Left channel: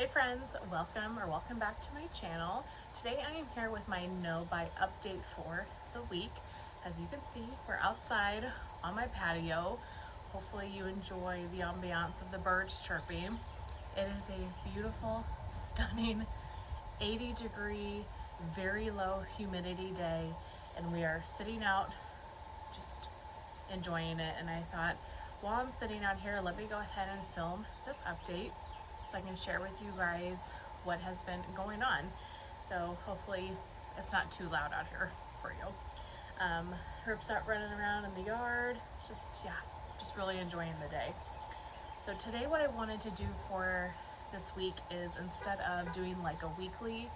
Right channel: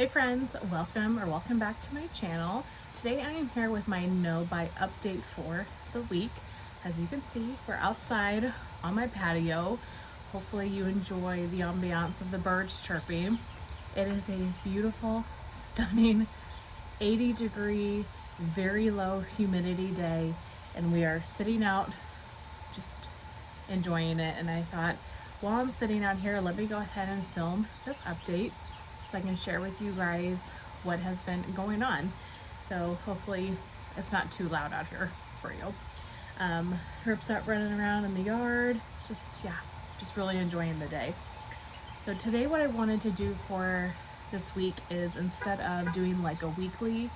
Hey friends, welcome back to my channel. Today I am here with my no buy update for the week. As you can see, we're outside on my patio. Hopefully you enjoy the ambiance of the birds chirping. It is a beautiful, stunning 80-degree, very low humidity day, and we are sitting out just enjoying it. And I thought, while I'm sitting out here, let me go ahead and film this update so I can share with you guys what has been going on. So hopefully it's not too loud out here for you. Herp's out running around in the yard. It's just really enjoying the day. So today what I wanted to do for this week is, instead of doing like a weekly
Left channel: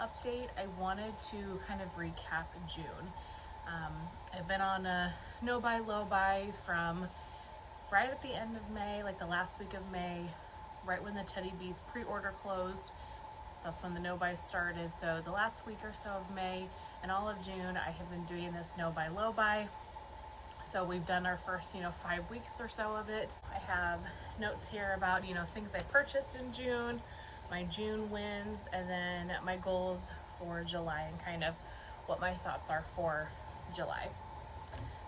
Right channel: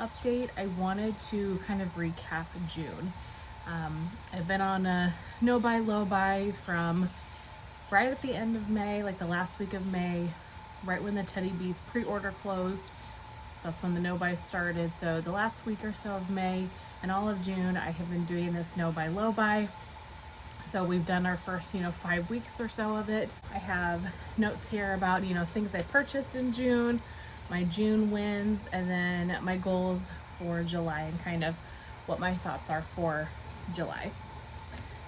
update, I wanted to kind of recap June. I've been on a no buy, low buy from right at the end of May, like the last week of May, right when the Teddy Bees pre-order closed. That's when the no buy started. So the last week or so of May and all of June, I have been doing this no buy, low buy. So we've done our first, 5 weeks or so of it. I have notes here about, things I purchased in June, my June wins, and then my goals for July and kind of what my thoughts are for July.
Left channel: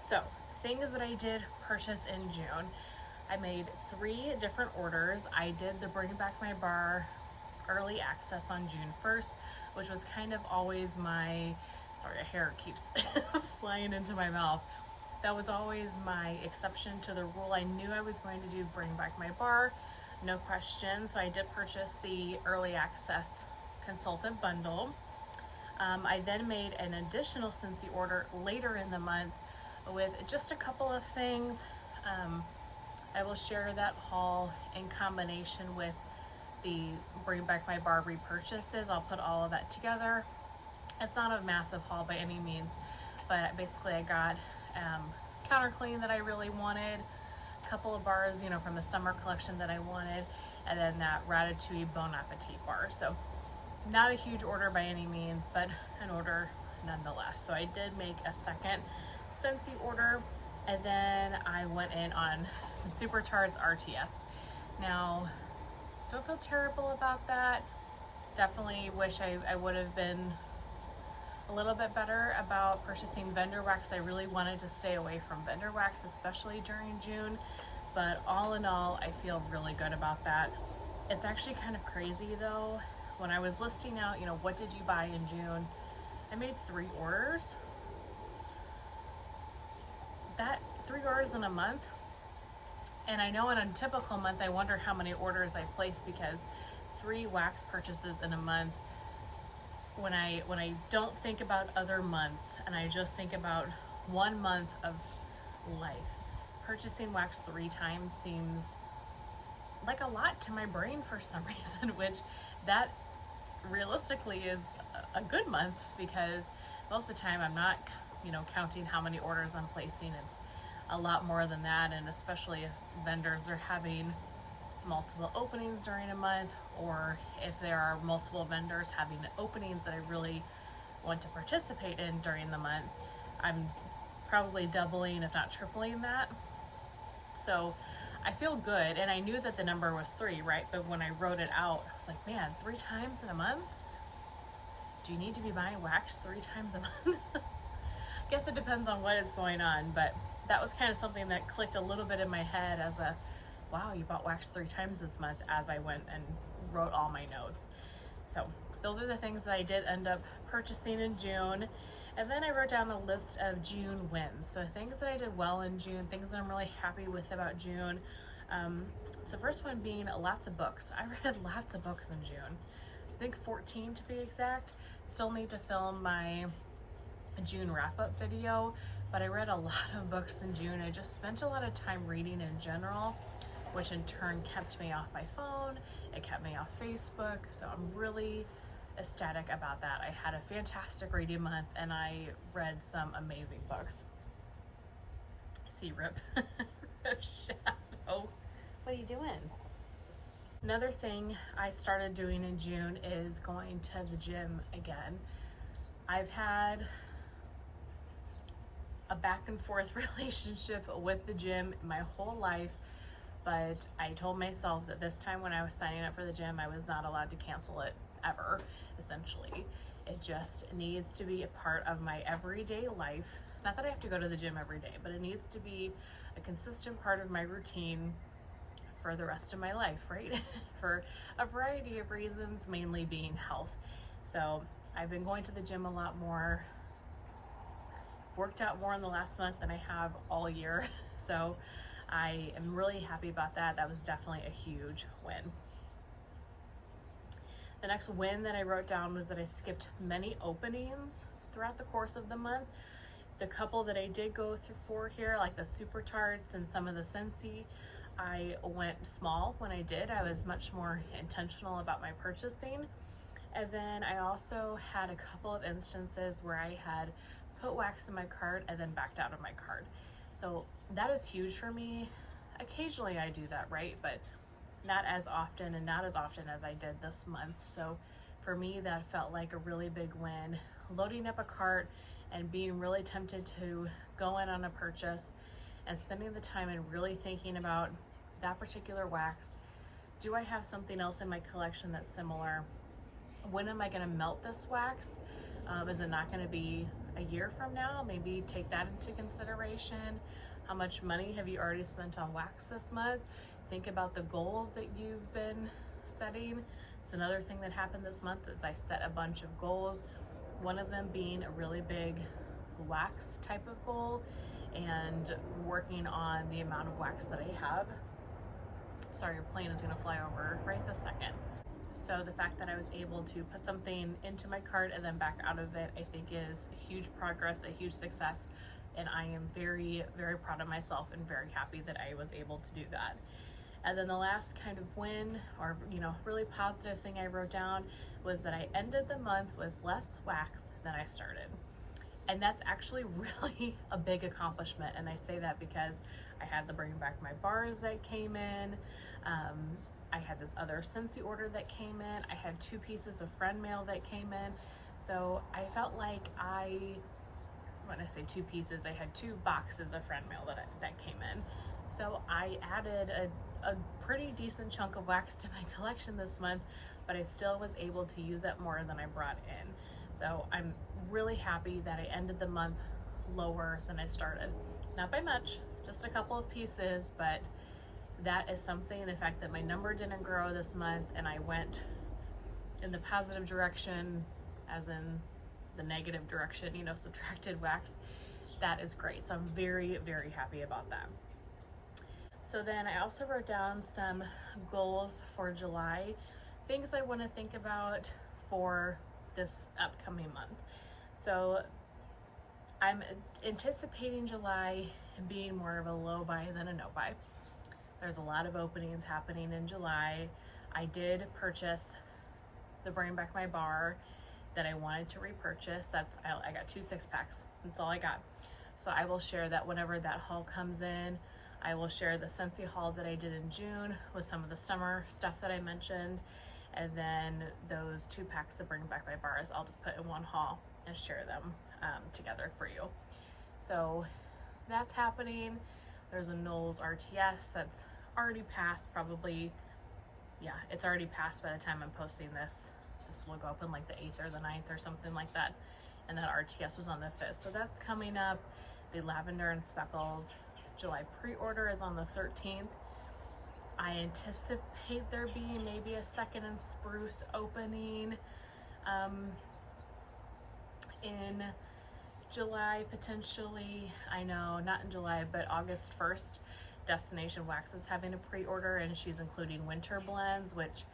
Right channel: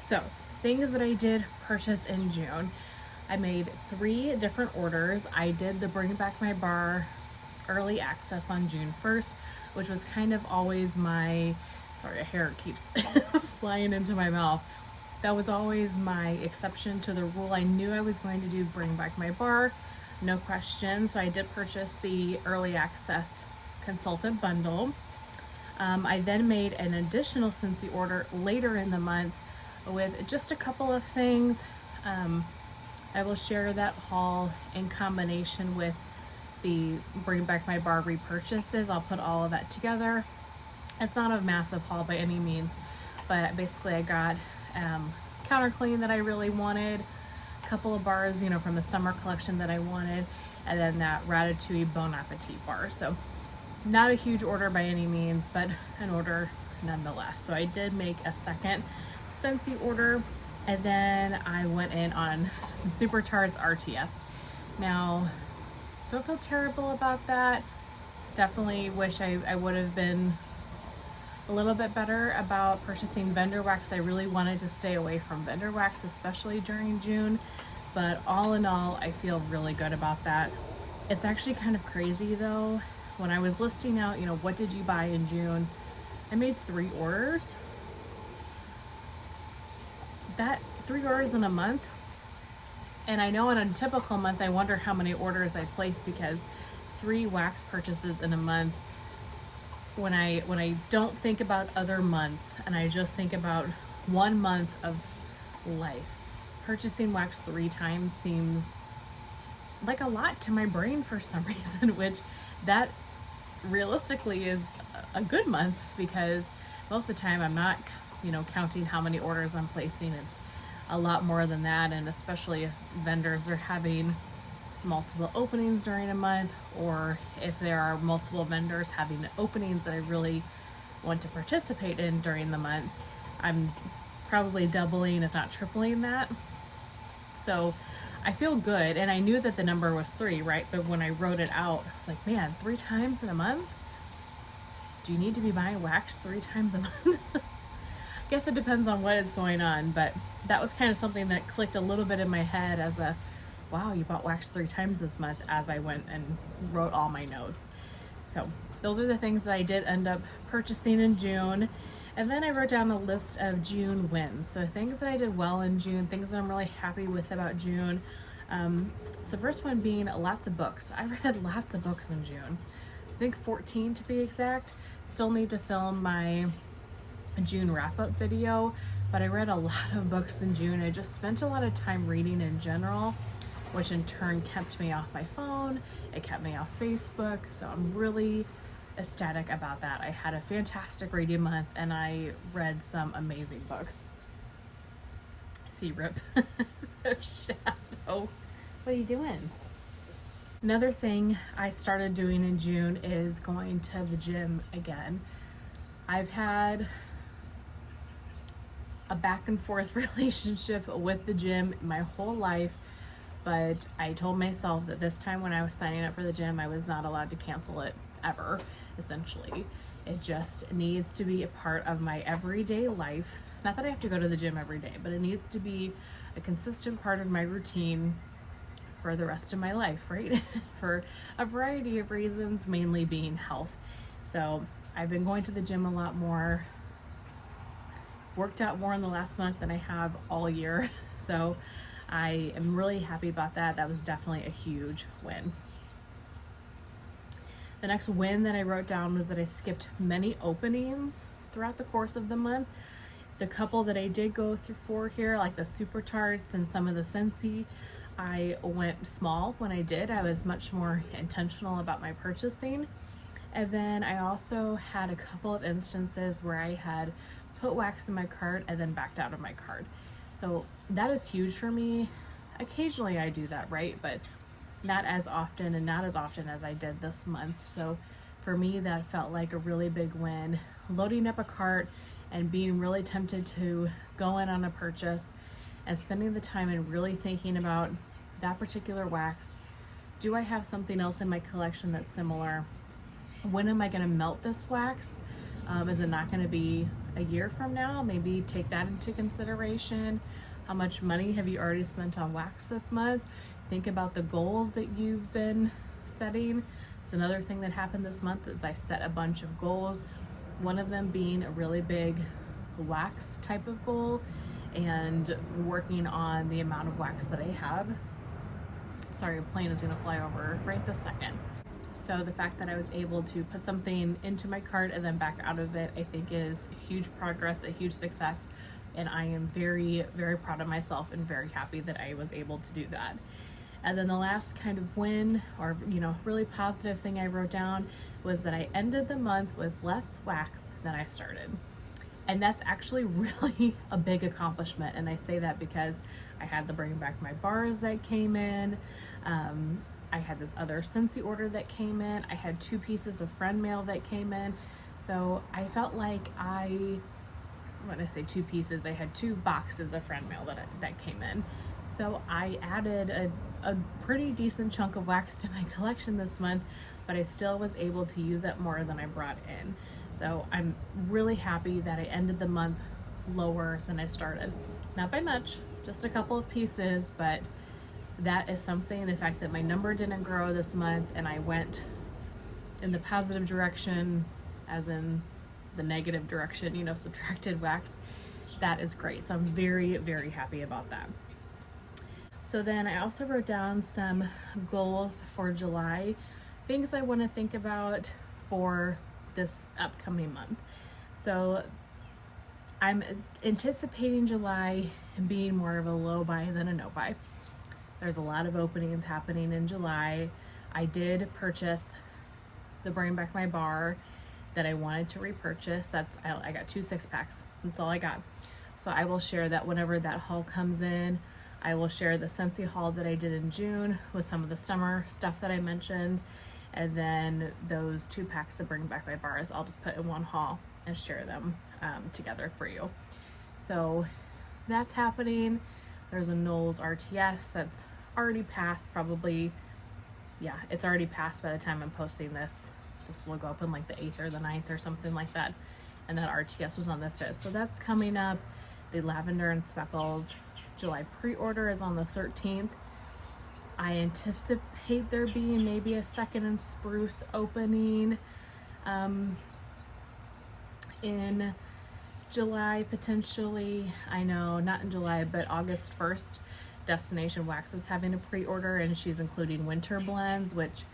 So things that I did purchase in June. I made 3 different orders. I did the Bring Back My Bar early access on June 1st, which was kind of always my, sorry, a hair keeps flying into my mouth. That was always my exception to the rule. I knew I was going to do Bring Back My Bar, no question. So I did purchase the early access consultant bundle. I then made an additional Scentsy order later in the month with just a couple of things. I will share that haul in combination with the Bring Back My Bar repurchases. I'll put all of that together. It's not a massive haul by any means, but basically I got counter clean that I really wanted, a couple of bars, from the summer collection that I wanted, and then that Ratatouille Bon Appetit bar. So not a huge order by any means, but an order nonetheless. So I did make a second Scentsy order, and then I went in on some Super Tarts RTS. Now, don't feel terrible about that. Definitely wish I would have been a little bit better about purchasing vendor wax. I really wanted to stay away from vendor wax, especially during June, but all in all, I feel really good about that. It's actually kind of crazy though. When I was listing out, what did you buy in June? I made 3 orders. That 3 orders in a month. And I know in a typical month, I wonder how many orders I place, because 3 wax purchases in a month, when I don't think about other months and I just think about 1 month of life, purchasing wax 3 times seems like a lot to my brain for some reason, which that realistically is a good month, because most of the time I'm not, counting how many orders I'm placing. It's a lot more than that, and especially if vendors are having multiple openings during a month, or if there are multiple vendors having openings that I really want to participate in during the month, I'm probably doubling, if not tripling that. So I feel good, and I knew that the number was 3, right? But when I wrote it out, I was like, man, 3 times in a month? Do you need to be buying wax 3 times a month? I guess it depends on what is going on, but that was kind of something that clicked a little bit in my head as a, wow, you bought wax 3 times this month, as I went and wrote all my notes. So those are the things that I did end up purchasing in June. And then I wrote down a list of June wins. So things that I did well in June, things that I'm really happy with about June. The first one being lots of books. I read lots of books in June. I think 14 to be exact. Still need to film my June wrap-up video, but I read a lot of books in June. I just spent a lot of time reading in general, which in turn kept me off my phone. It kept me off Facebook. So I'm really ecstatic about that. I had a fantastic reading month, and I read some amazing books. See, Rip. Shadow. What are you doing? Another thing I started doing in June is going to the gym again. I've had a back and forth relationship with the gym my whole life. but I told myself that this time when I was signing up for the gym, I was not allowed to cancel it ever, essentially. It just needs to be a part of my everyday life. Not that I have to go to the gym every day, but it needs to be a consistent part of my routine for the rest of my life, right? For a variety of reasons, mainly being health. So I've been going to the gym a lot more, worked out more in the last month than I have all year. So I am really happy about that. That was definitely a huge win. The next win that I wrote down was that I skipped many openings throughout the course of the month. The couple that I did go through for here, like the Super Tarts and some of the Scentsy, I went small when I did. I was much more intentional about my purchasing. And then I also had a couple of instances where I had put wax in my cart and then backed out of my cart. So that is huge for me. Occasionally I do that, right? But not as often, and not as often as I did this month. So for me, that felt like a really big win. Loading up a cart and being really tempted to go in on a purchase and spending the time and really thinking about that particular wax. Do I have something else in my collection that's similar? When am I going to melt this wax? Is it not going to be a year from now? Maybe take that into consideration. How much money have you already spent on wax this month? Think about the goals that you've been setting. It's another thing that happened this month is I set a bunch of goals. One of them being a really big wax type of goal and working on the amount of wax that I have. Sorry, a plane is going to fly over right this second. So the fact that I was able to put something into my cart and then back out of it, I think is huge progress, a huge success. And I am very, very proud of myself and very happy that I was able to do that. And then the last kind of win, or really positive thing I wrote down, was that I ended the month with less wax than I started. And that's actually really a big accomplishment. And I say that because I had the Bring Back My Bars that came in. I had this other Scentsy order that came in. I had 2 pieces of friend mail that came in. So I felt like when I say 2 pieces, I had 2 boxes of friend mail that came in. So I added a pretty decent chunk of wax to my collection this month, but I still was able to use it more than I brought in. So I'm really happy that I ended the month lower than I started. Not by much, just a couple of pieces, but that is something. The fact that my number didn't grow this month and I went in the positive direction, as in the negative direction, subtracted wax, that is great. So I'm very, very happy about that. So then I also wrote down some goals for July, things I want to think about for this upcoming month. So I'm anticipating July being more of a low buy than a no buy. There's a lot of openings happening in July. I did purchase the Bring Back My Bar that I wanted to repurchase. I got 2 6-packs. That's all I got. So I will share that whenever that haul comes in. I will share the Scentsy haul that I did in June with some of the summer stuff that I mentioned. And then those 2 packs of Bring Back My Bars, I'll just put in one haul and share them together for you. So that's happening. There's a Knowles RTS that's already passed, probably, yeah, it's already passed by the time I'm posting this. This will go up in like the 8th or the 9th or something like that. And that RTS was on the 5th. So that's coming up. The Lavender and Speckles July pre-order is on the 13th. I anticipate there being maybe a Second and Spruce opening in July, potentially. I know, not in July, but August 1st. Destination Wax is having a pre-order, and she's including winter blends, which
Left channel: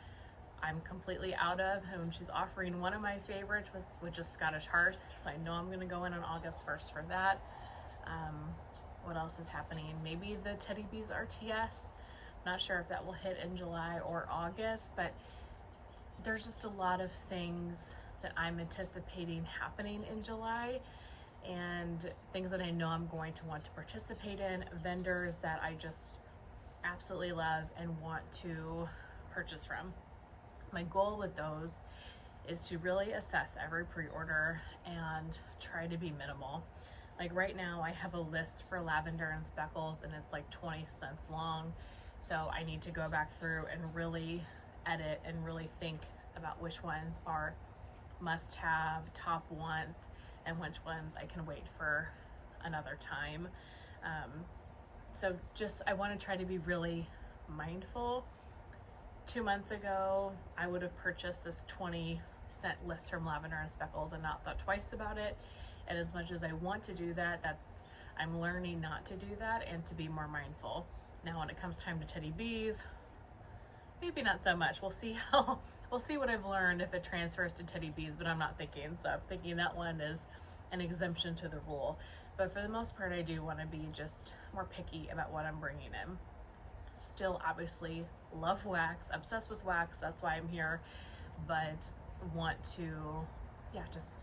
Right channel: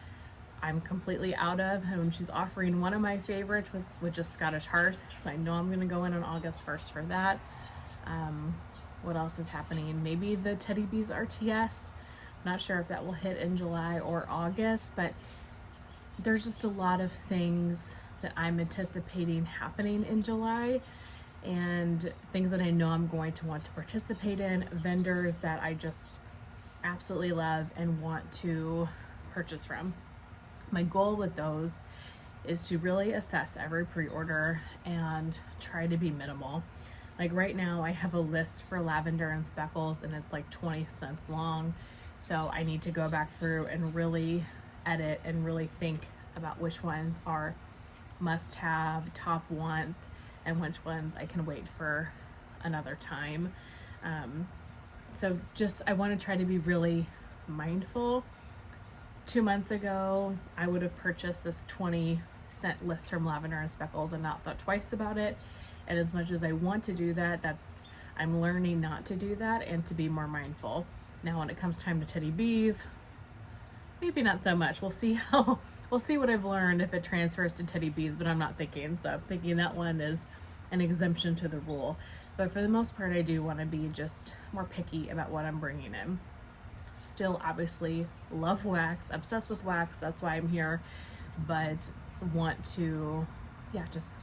I'm completely out of. And she's offering one of my favorites, which is Scottish Hearth. So I know I'm going to go in on August 1st for that. What else is happening? Maybe the Teddy Bees RTS. Not sure if that will hit in July or August, but there's just a lot of things that I'm anticipating happening in July, and things that I know I'm going to want to participate in, vendors that I just absolutely love and want to purchase from. My goal with those is to really assess every pre-order and try to be minimal. Like right now I have a list for Lavender and Speckles and it's like 20 cents long. So I need to go back through and really edit and really think about which ones are must have, top wants, and which ones I can wait for another time. So just, I want to try to be really mindful. 2 months ago, I would have purchased this 20-cent list from Lavender and Speckles and not thought twice about it. And as much as I want to do that, I'm learning not to do that and to be more mindful. Now when it comes time to Teddy Bees, maybe not so much. We'll see what I've learned if it transfers to Teddy Bees, but I'm not thinking so. I'm thinking that one is an exemption to the rule. But for the most part, I do want to be just more picky about what I'm bringing in. Still, obviously, love wax, obsessed with wax. That's why I'm here. But want to, just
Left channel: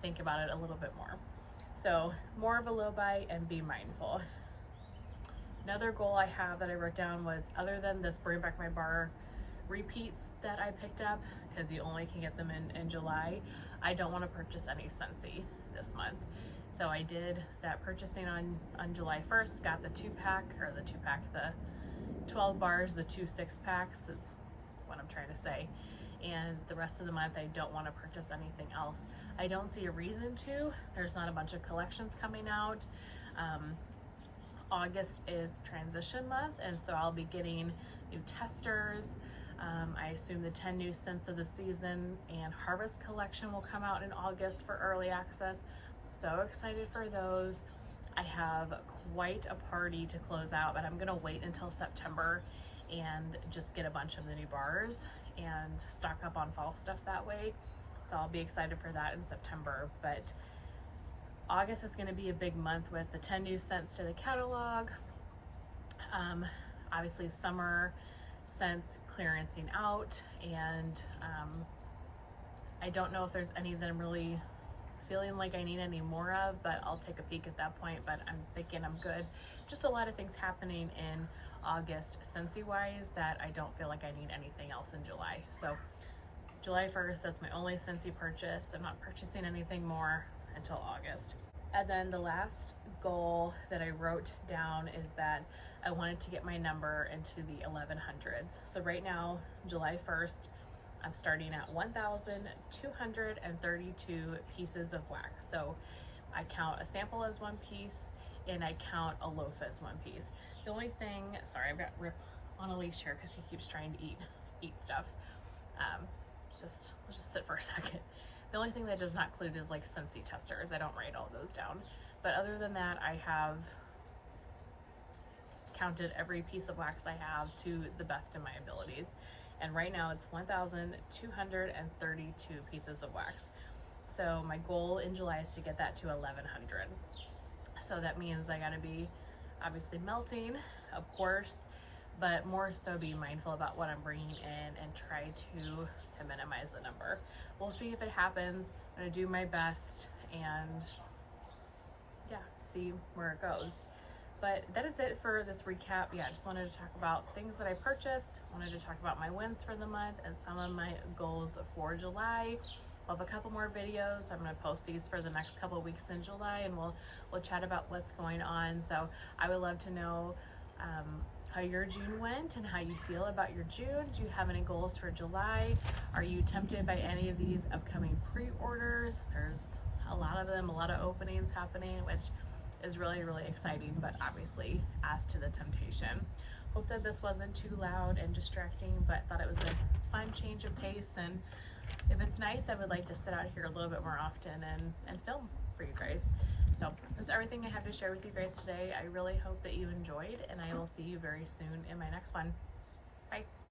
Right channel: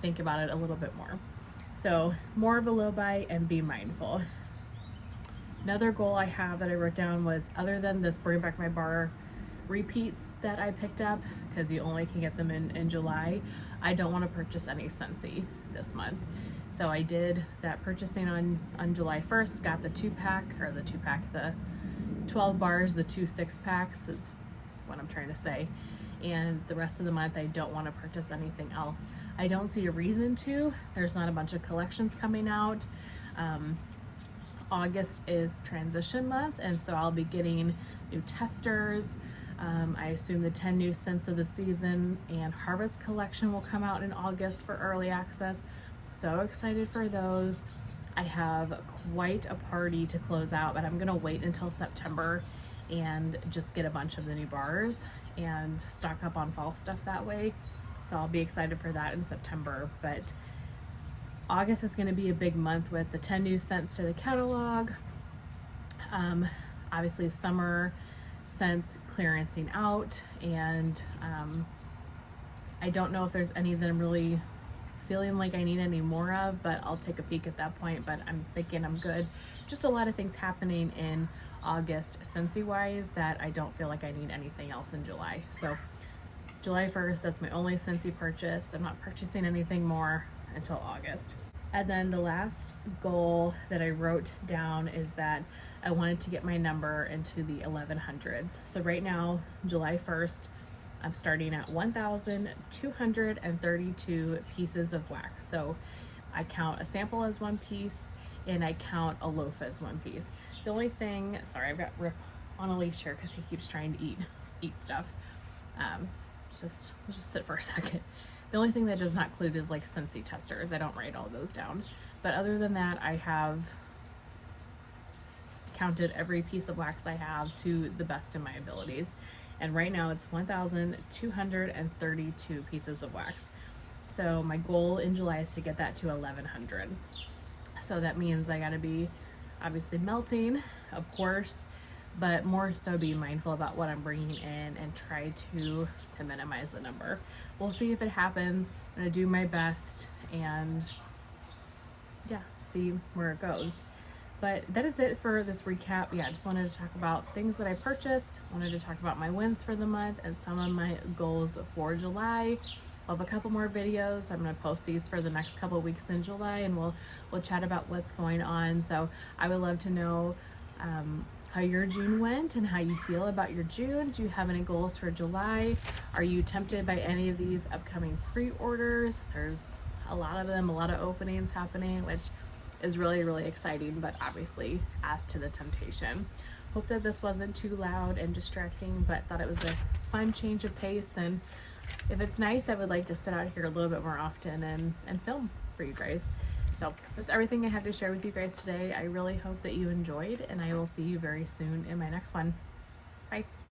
think about it a little bit more. So more of a low buy and be mindful. Another goal I have that I wrote down was, other than this Bring Back My Bar repeats that I picked up, because you only can get them in July, I don't want to purchase any Scentsy this month. So I did that purchasing on July 1st, got the 12 bars, the 2 6-packs is what I'm trying to say. And the rest of the month, I don't want to purchase anything else. I don't see a reason to. There's not a bunch of collections coming out. August is transition month, and so I'll be getting new testers. I assume the 10 new scents of the season and harvest collection will come out in August for early access. So excited for those. I have quite a party to close out, but I'm gonna wait until September and just get a bunch of the new bars and stock up on fall stuff that way. So I'll be excited for that in September. But August is going to be a big month with the 10 new scents to the catalog. Obviously summer scents clearancing out, and I don't know if there's any that I'm really feeling like I need any more of, but I'll take a peek at that point. But I'm thinking I'm good. Just a lot of things happening in August Scentsy wise that I don't feel like I need anything else in July. So July 1st, that's my only Scentsy purchase. I'm not purchasing anything more until August. And then the last goal that I wrote down is that I wanted to get my number into the 1100s. So right now, July 1st, I'm starting at 1,232 pieces of wax. So I count a sample as one piece and I count a loaf as one piece. The only thing, sorry, I've got Rip on a leash here because he keeps trying to eat stuff. Let's just sit for a second. The only thing that does not include is like Scentsy testers. I don't write all those down. But other than that, I have counted every piece of wax I have to the best of my abilities. And right now it's 1,232 pieces of wax. So my goal in July is to get that to 1,100. So that means I gotta be obviously melting, of course, but more so be mindful about what I'm bringing in and try to minimize the number. We'll see if it happens. I'm gonna do my best and see where it goes. But that is it for this recap. I just wanted to talk about things that I purchased. Wanted to talk about my wins for the month and some of my goals for July. I'll have a couple more videos. I'm gonna post these for the next couple of weeks in July, and we'll chat about what's going on. So I would love to know how your June went and how you feel about your June. Do you have any goals for July? Are you tempted by any of these upcoming pre-orders? There's a lot of them, a lot of openings happening, which is really, really exciting, but obviously adds to the temptation. Hope that this wasn't too loud and distracting, but thought it was a fun change of pace. And if it's nice, I would like to sit out here a little bit more often and film for you guys. So that's everything I had to share with you guys today. I really hope that you enjoyed, and I will see you very soon in my next one. Bye.